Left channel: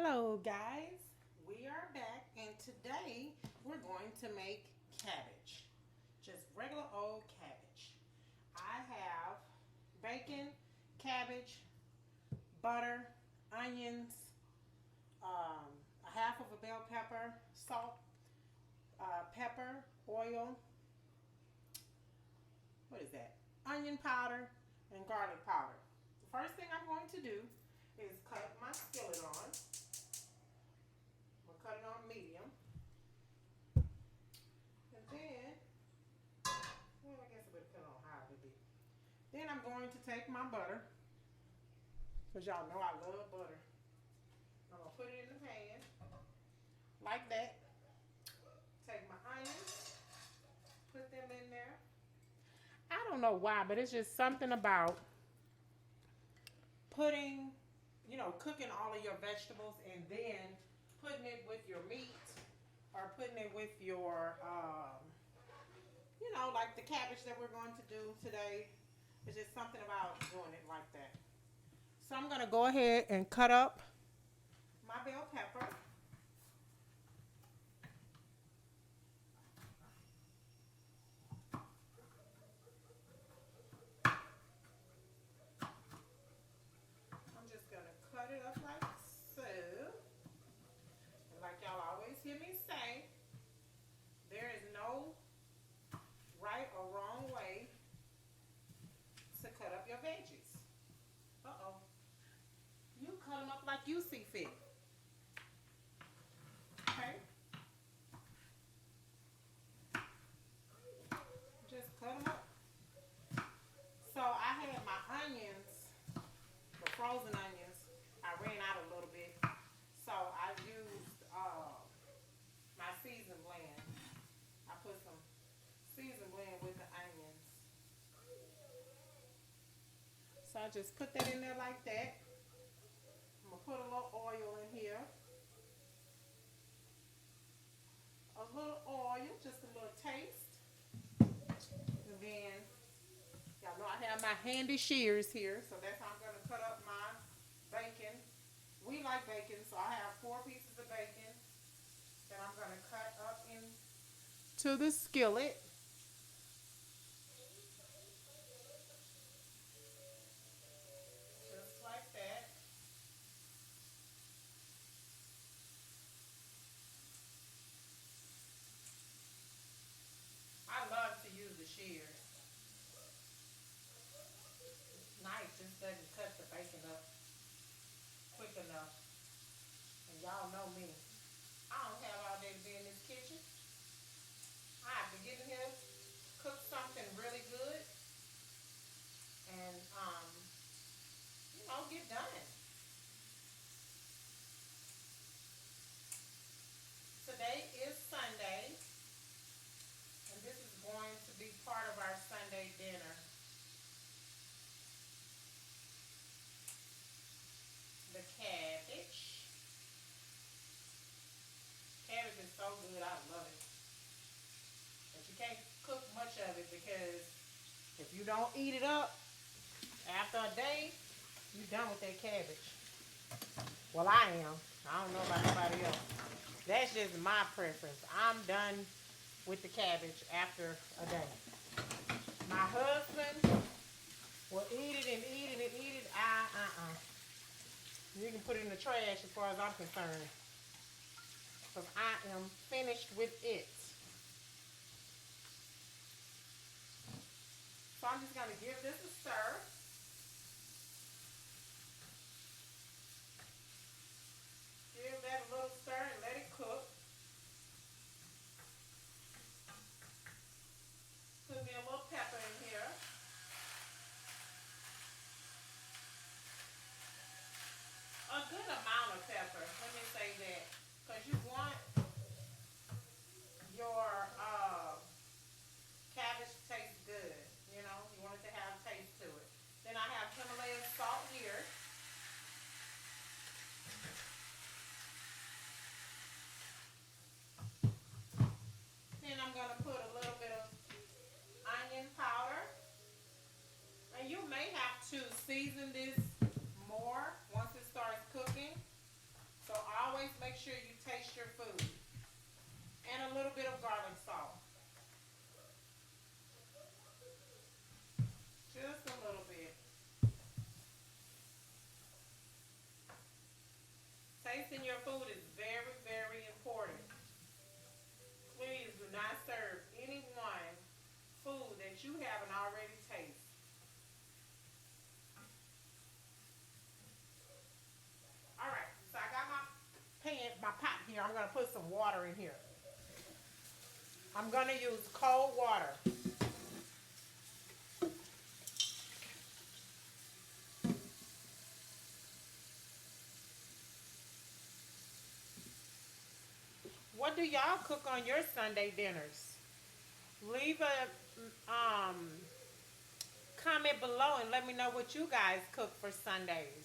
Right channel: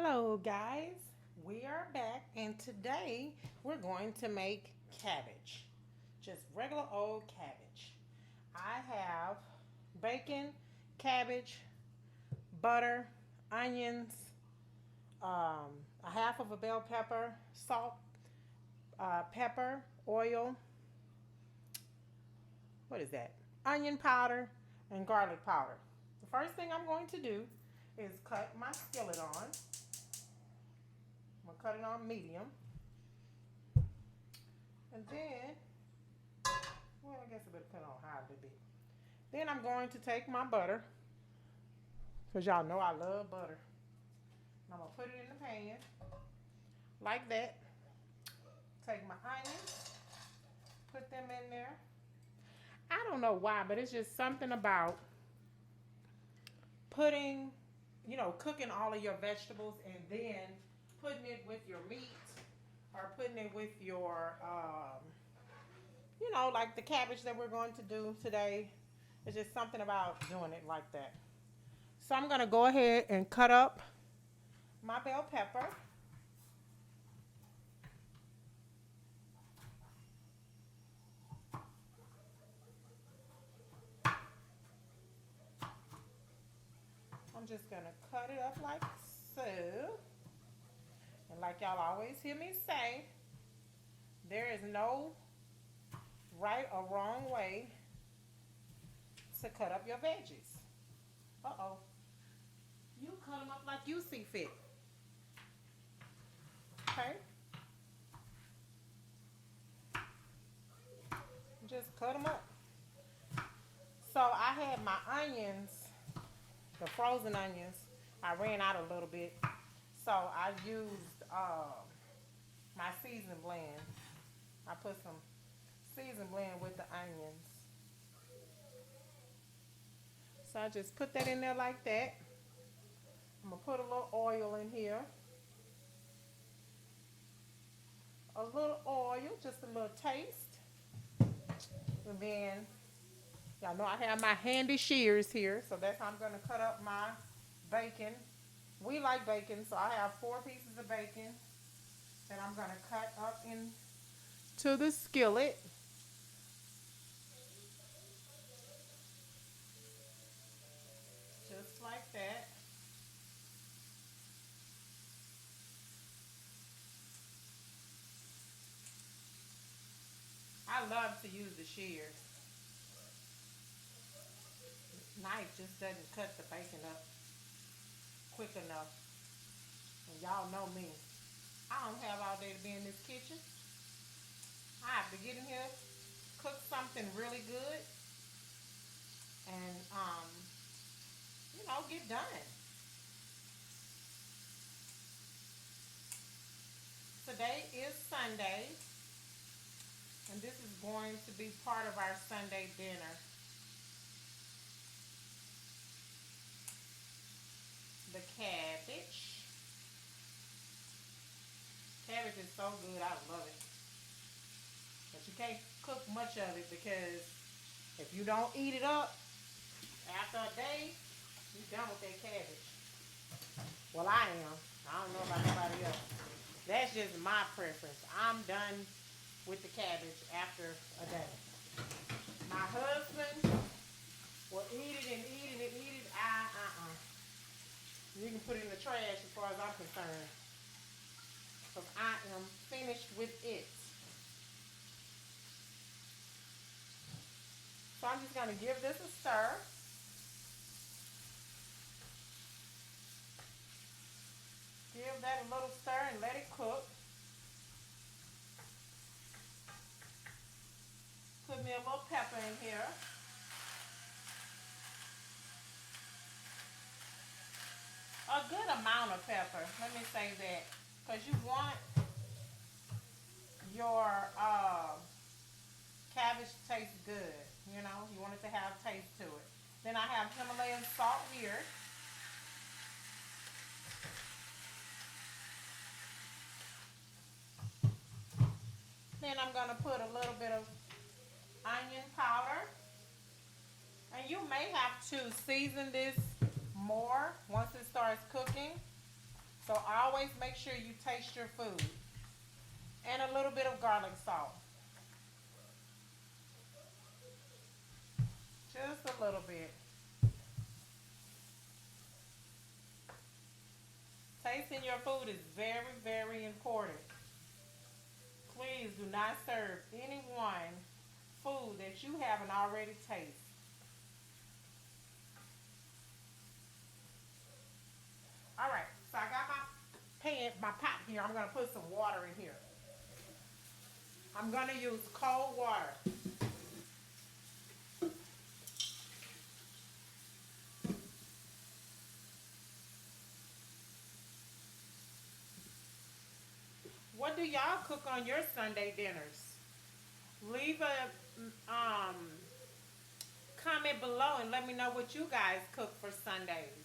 Hello guys, we are back and today we're going to make cabbage. Just regular old cabbage. I have bacon, cabbage, butter, onions, a half of a bell pepper, salt, pepper, oil, what is that? Onion powder and garlic powder. The first thing I'm going to do is cut my skillet on. I'm gonna cut it on medium. And then, well, I guess it would depend on high it would be. Then I'm going to take my butter, because y'all know I love butter. I'm going to put it in the pan, like that. Take my onions, put them in there. I don't know why, but it's just something about putting, cooking all of your vegetables and then putting it with your meat or putting it with your like the cabbage that we're going to do today. It's just something about doing it like that. So I'm going to go ahead and cut up my bell pepper. I'm just going to cut it up like so. And like y'all always hear me say, there is no right or wrong way to cut up your veggies. Uh-oh. You cut them up like you see fit. Okay? Just cut them up. So I had my onions, the frozen onions. I ran out a little bit. So I used my season blend. I put some season blend with the onions. So I just put that in there like that. I'm going to put a little oil in here. A little oil, just a little taste. And then, y'all know I have my handy shears here. So that's how I'm going to cut up my bacon. We like bacon, so I have 4 pieces of bacon that I'm going to cut up into the skillet. Just like that. I love to use the shears. Knife just doesn't cut the bacon up quick enough. And y'all know me. I don't have all day to be in this kitchen. I have to get in here, cook something really good, and get done. Today is Sunday, and this is going to be part of our Sunday dinner. The cabbage. Cabbage is so good, I love it. But you can't cook much of it because if you don't eat it up after a day, you're done with that cabbage. Well, I am. I don't know about nobody else. That's just my preference. I'm done with the cabbage after a day. My husband will eat it and eat it and eat it. You can put it in the trash as far as I'm concerned. Because I am finished with it. So I'm just going to give this a stir. Give that a little stir and let it cook. Put me a little pepper in here. A good amount of pepper. Let me say that. Because you want your cabbage to taste good. You want it to have taste to it. Then I have Himalayan salt here. Then I'm going to put a little bit of onion powder. And you may have to season this more once it starts cooking. So always make sure you taste your food. And a little bit of garlic salt. Just a little bit. Tasting your food is very, very important. Please do not serve anyone food that you haven't already tasted. All right, so I got my pot here. I'm gonna put some water in here. I'm gonna use cold water. What do y'all cook on your Sunday dinners? Leave a comment below and let me know what you guys cook for Sundays.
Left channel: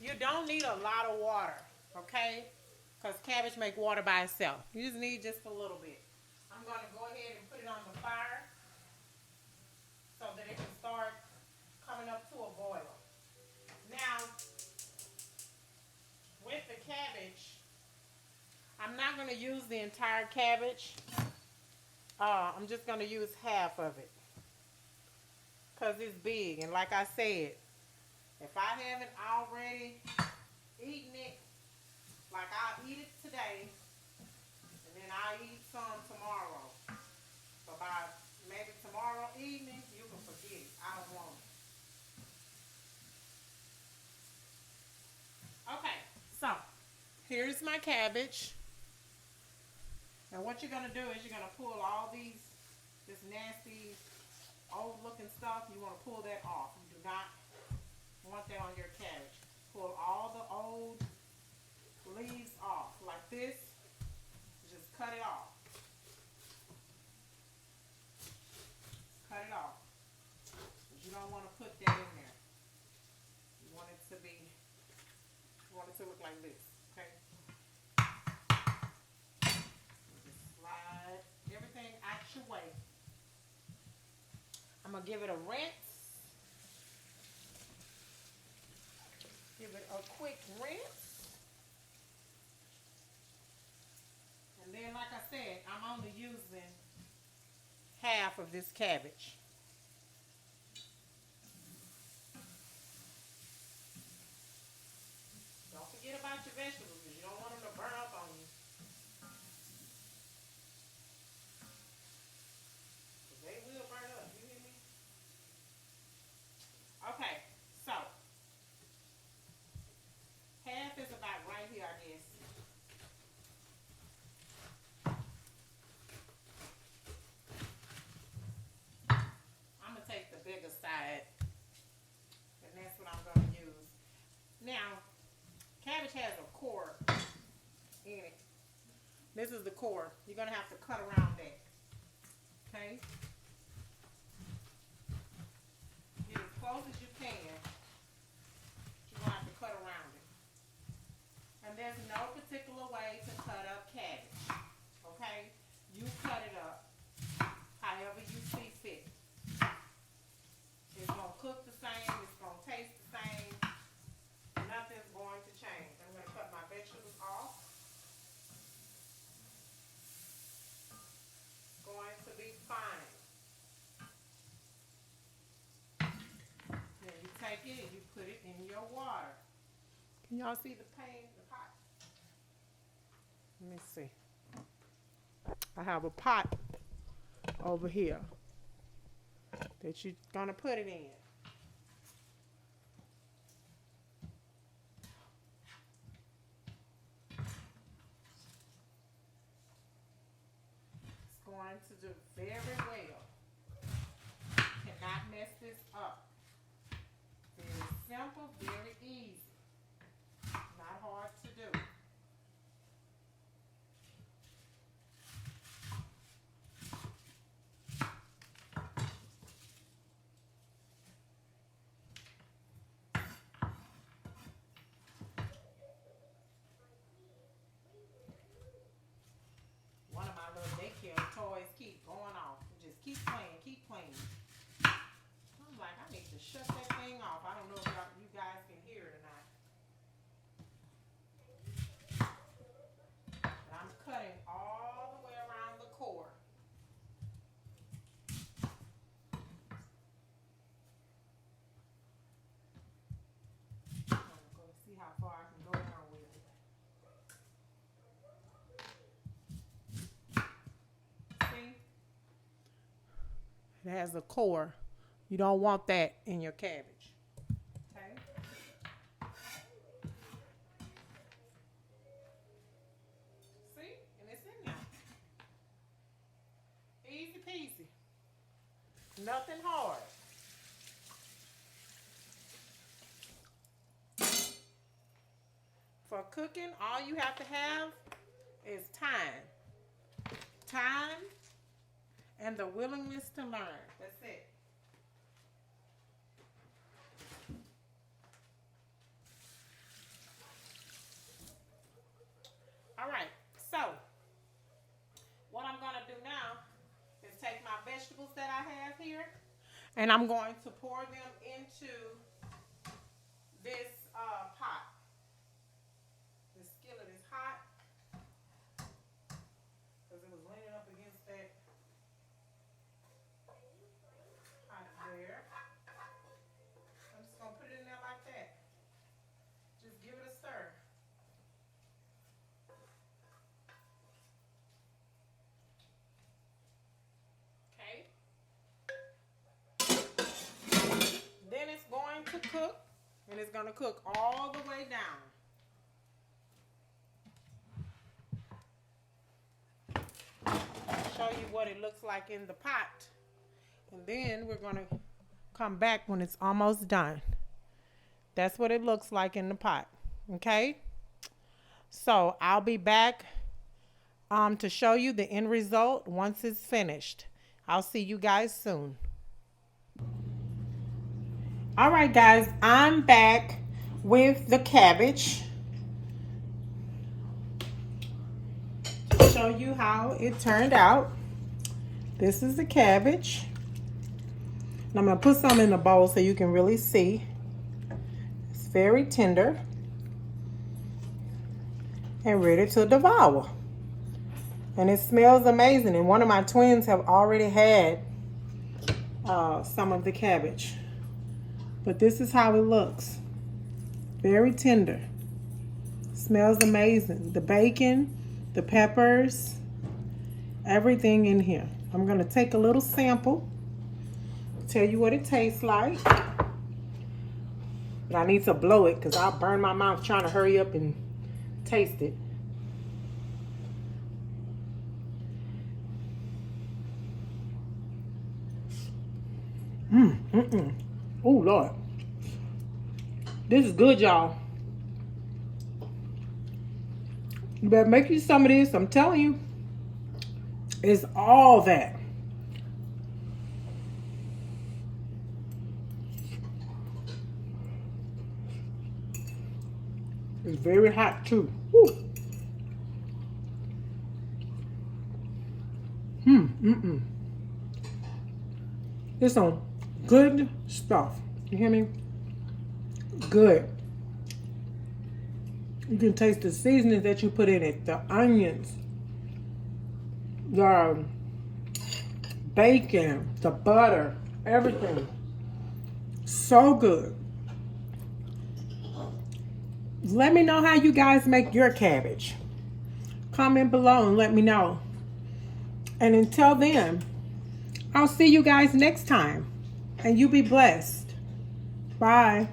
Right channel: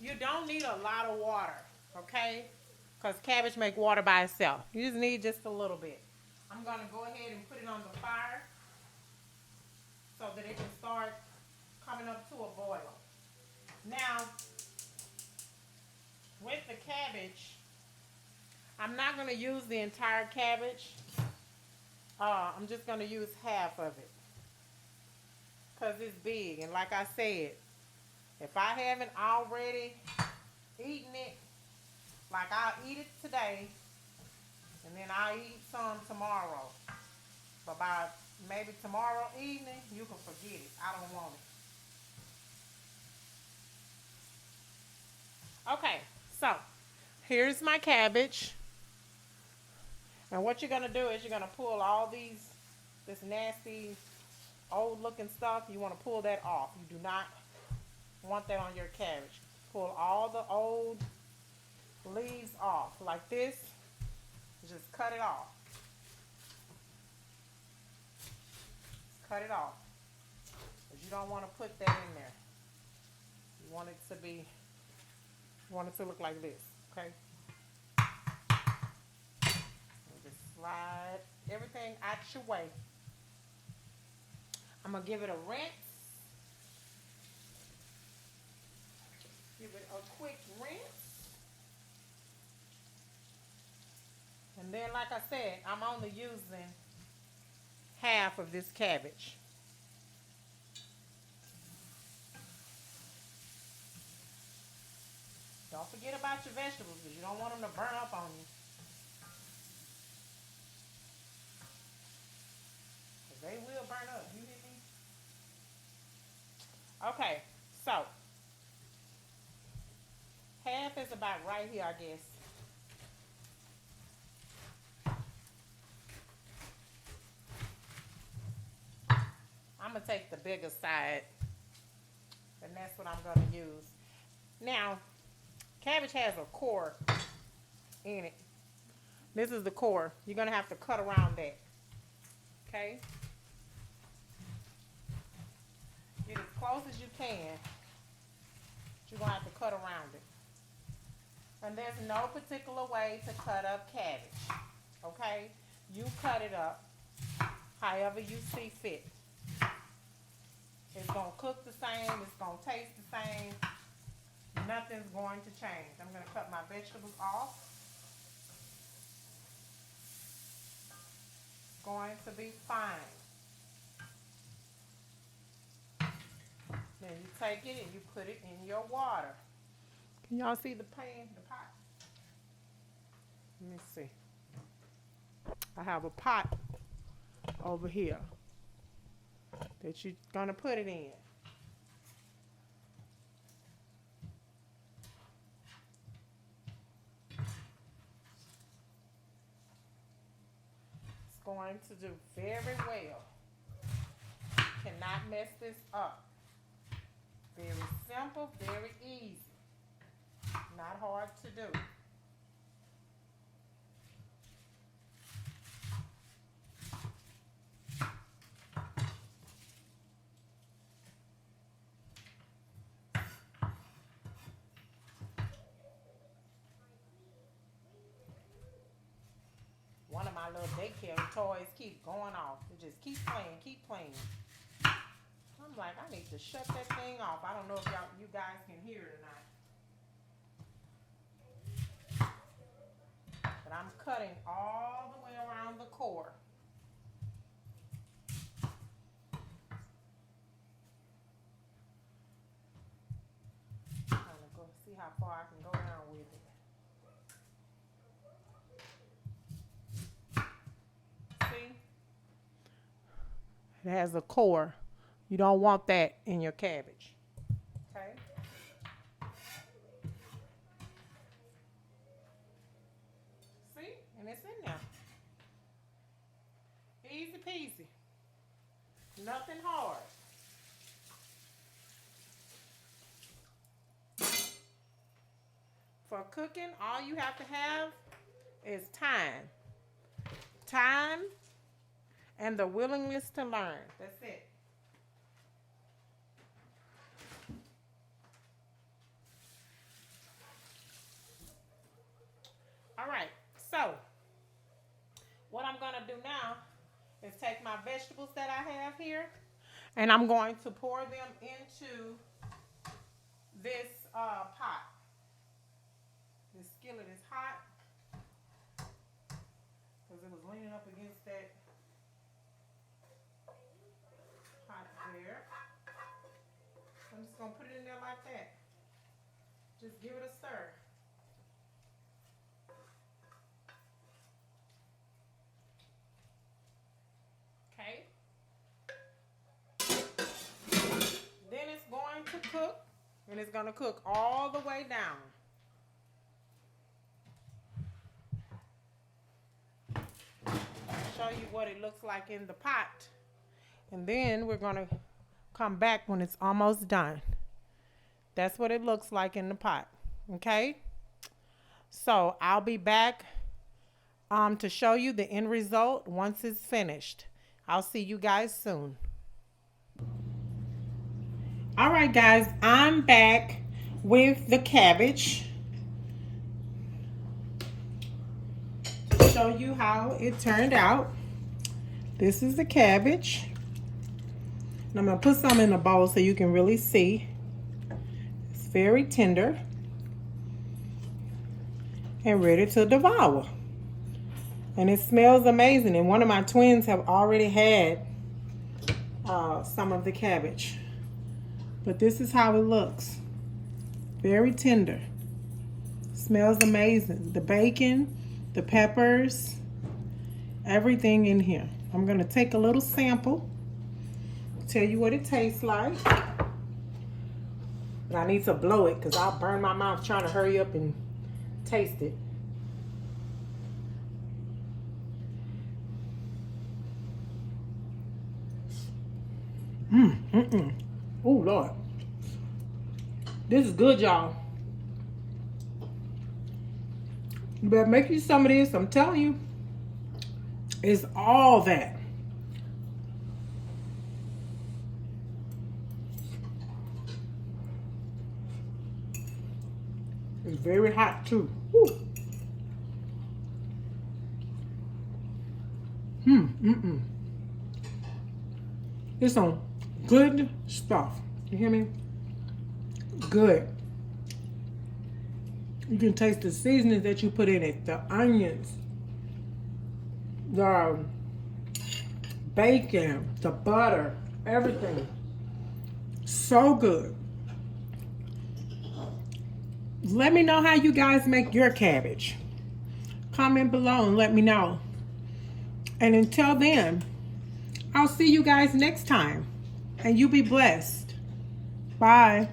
You don't need a lot of water, okay? Because cabbage make water by itself. You just need just a little bit. I'm going to go ahead and put it on the fire so that it can start coming up to a boil. Now, with the cabbage, I'm not going to use the entire cabbage. I'm just going to use half of it because it's big. And like I said, if I haven't already eaten it, like I'll eat it today, and then I'll eat some tomorrow. But by maybe tomorrow evening, you can forget it. I don't want it. Okay, so here's my cabbage. And what you're gonna do is you're gonna pull all this nasty, old looking stuff. You wanna pull that off. You do not want that on your cabbage. Pull all the old leaves off like this. Just cut it off. Cut it off. But you don't want to put that in there. You want it to be, you want it to look like this, okay? Just slide everything out your way. I'm gonna give it a rinse. Give it a quick rinse. And then, like I said, I'm only using half of this cabbage. Don't forget about your vegetables because you don't want them to burn up on you. Because they will burn up, you hear me? Okay, so half is about right here, I guess. I'm going to take the bigger side, and that's what I'm going to use. Now, cabbage has a core in it. This is the core. You're going to have to cut around that. Okay? Get as close as you can. You're going to have to cut around it. And there's no particular way to cut up cabbage. Okay? You cut it up however you see fit. It's going to cook the same. It's going to taste the same. Nothing's going to change. I'm going to cut my vegetables off. It's going to be fine. Then you take it and you put it in your water. Can y'all see the pan, the pot? Let me see. I have a pot over here that you're going to put it in. It's going to do very well. Cannot mess this up. Very simple, very easy. Not hard to do. One of my little daycare toys keep going off. It just keep playing, keep playing. need to shut that thing off. I don't know if you guys can hear it or not. But I'm cutting all the way around the core. I'm gonna go see how far I can go down with it. See? It has a core. You don't want that in your cabbage. Okay? See? And it's in there. Easy peasy. Nothing hard. For cooking, all you have to have is time. Time and the willingness to learn. That's it. All right, so what I'm gonna do now is take my vegetables that I have here and I'm going to pour them into this pot. This skillet is hot because it was leaning up against that pot there. I'm just gonna put it in there like that. Just give it a stir. Then it's going to cook, and it's going to cook all the way down. I'll show you what it looks like in the pot. And then we're going to come back when it's almost done. That's what it looks like in the pot. Okay? So I'll be back to show you the end result once it's finished. I'll see you guys soon. All right, guys, I'm back with the cabbage to show you how it turned out. This is the cabbage. And I'm going to put some in a bowl so you can really see. It's very tender and ready to devour. And it smells amazing. And one of my twins have already had some of the cabbage. But this is how it looks. Very tender. Smells amazing. The bacon, the peppers, everything in here. I'm going to take a little sample. Tell you what it tastes like. But I need to blow it because I'll burn my mouth trying to hurry up and taste it. Oh, Lord. This is good, y'all. You better make you some of this. I'm telling you. It's all that. It's very hot, too. Woo. It's some good stuff. You hear me? Good. You can taste the seasonings that you put in it. The onions. The bacon. The butter. Everything. So good. Let me know how you guys make your cabbage. Comment below and let me know. And until then, I'll see you guys next time. And you be blessed. Bye.